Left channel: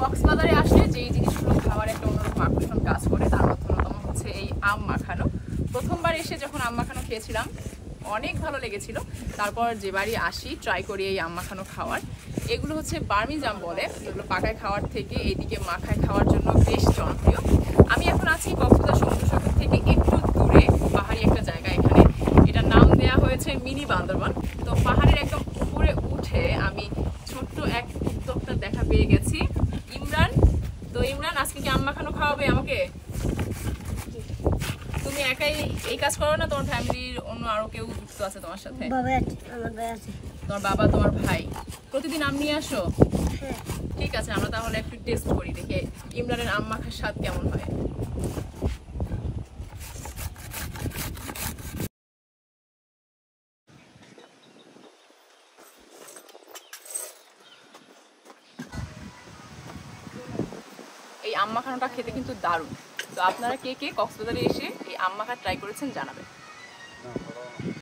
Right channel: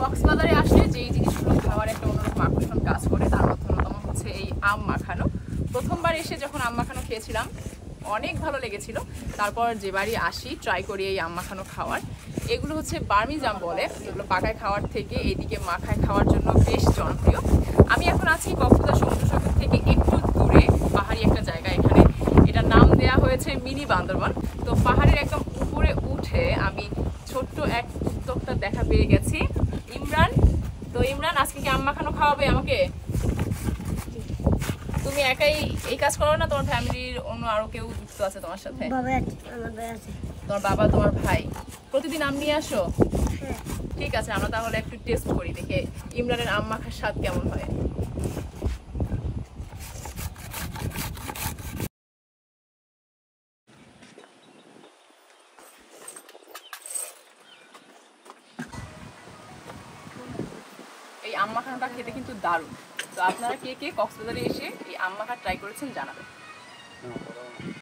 কক্সবাজারে আসলে যেই জিনিসগুলো খাওয়ার একটা অন্যরকম আকর্ষণ কাজ করে তার মধ্যে অন্যতম হচ্ছে এই আম মাখানো। প্রথমবার এসে যখন আম মাখানো খেয়েছিলাম অনেক ভালো লেগেছিল। তারপর যে বাড়ি আসি ট্রাই করি এই আম মাখানো খাওয়ার। এগুলো হচ্ছে বার্মিজ আম বলে, এগুলো পাকায় খাওয়ার থেকে এইদিকে মাখায় খাওয়ার জন্য বেশ জনপ্রিয়। আমি এখন আছি কক্সবাজার সমুদ্র সৈকত থেকে একটু দূরে পাহাড়ি একটা জায়গা, এখানে এটার নাম দেয়া হয়েছে মিনি বান্দরবান। তো পাহাড়ের একদম উপরে উঠে আমি ছোট্ট এক উদ্যোক্তার দেখা পেয়ে গেছি, ইমরান। তো ইমরান, আজকে কি আম মাখানো খাওয়াবে আমাকে? তুমি একাই এই কাজ করো না, তোমার ফ্যামিলির অন্য আরো কেউ যুক্ত আছে তোমার সাথে? তোমার বাবা, তোমার ভাই প্রতিদিন আম নিয়ে আসো? ঠিক আছে, আমরা তাহলে একটু টেস্ট করি, দেখে ইমরানের আম মাখার স্বাদ কেমন হয়। এই আম মাখানোটা খেতে কিন্তু দারুণ। তো আপনারা কে কে কক্সবাজারে এসে এই আম মাখা ট্রাই করেছেন জানাবেন।